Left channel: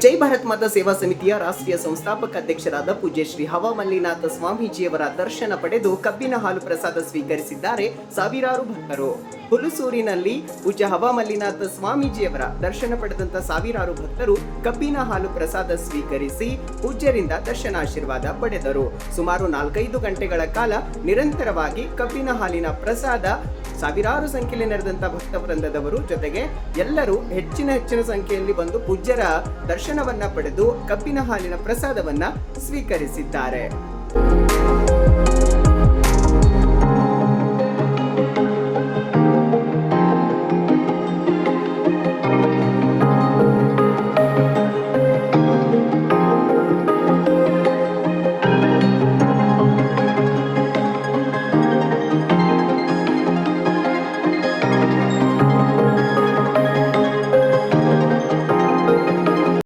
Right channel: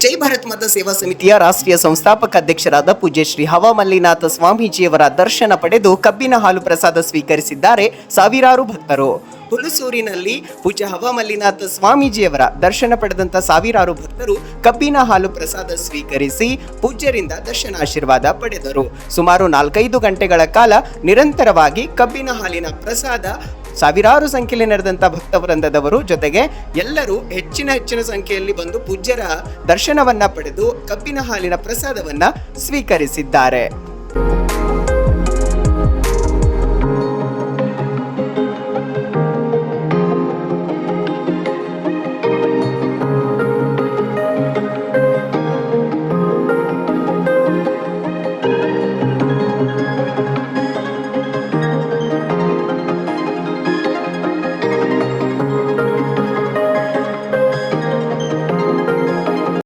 ಜೈ ಭಾರತ್ ಮಾತಾ ಸೇವಾ ಸಮಿತಿಯ ರಾಷ್ಟ್ರೀಯ ಸಂಸ್ಥಾಪಕ ಅಧ್ಯಕ್ಷರಾದ ಪೂಜ್ಯ ಶ್ರೀ ಹವಮಲ್ಲಿನಾಥ ಸ್ವಾಮೀಜಿಯವರ ದರ್ಶನ ಪಡೆದು ಕಬ್ಬಿನ ಹಾಲು ಪ್ರಸಾದ ಸ್ವೀಕರಿಸಿದ್ದಾರೆ ಸಾವಿರಾರು ಭಕ್ತರು. ಹುಲಸೂರಿನಲ್ಲಿ ಪೂಜ್ಯ ಹವಮಲ್ಲಿನಾಥ ಸ್ವಾಮೀಜಿಯವರ ದರ್ಶನ ಪಡೆದಂತ ಸಾವಿರಾರು ಭಕ್ತರು ಕಬ್ಬಿನ ಹಾಲು ಪ್ರಸಾದ ಸ್ವೀಕರಿಸಿ ಪೂಜ್ಯರಿಂದ ದರ್ಶನಾಶೀರ್ವಾದ ಪಡೆದರು. ಸುಮಾರು 4-5 ಗಂಟೆಗಳ ಕಾಲ ನಿರಂತರವಾಗಿ ಕಬ್ಬಿನ ಹಾಲಿನ ಪ್ರಸಾದ ಸಾವಿರಾರು ಸಂಖ್ಯೆಯಲ್ಲಿ ನಡೆದಂತ ಭಕ್ತವೃಂದದವರು ಜೊತೆಗೆ ಎಲ್ಲರೂ ಹೆಚ್ಚಿನ ಸಂಖ್ಯೆಯಲ್ಲಿ ಬಂದು ಪೂಜ್ಯರ ದರ್ಶನವನ್ನ ಪಡೆದು ಕಬ್ಬಿನ ಹಾಲಿನ ಪ್ರಸಾದವನ್ನ ಸ್ವೀಕರಿಸಿದ್ದಾರೆ.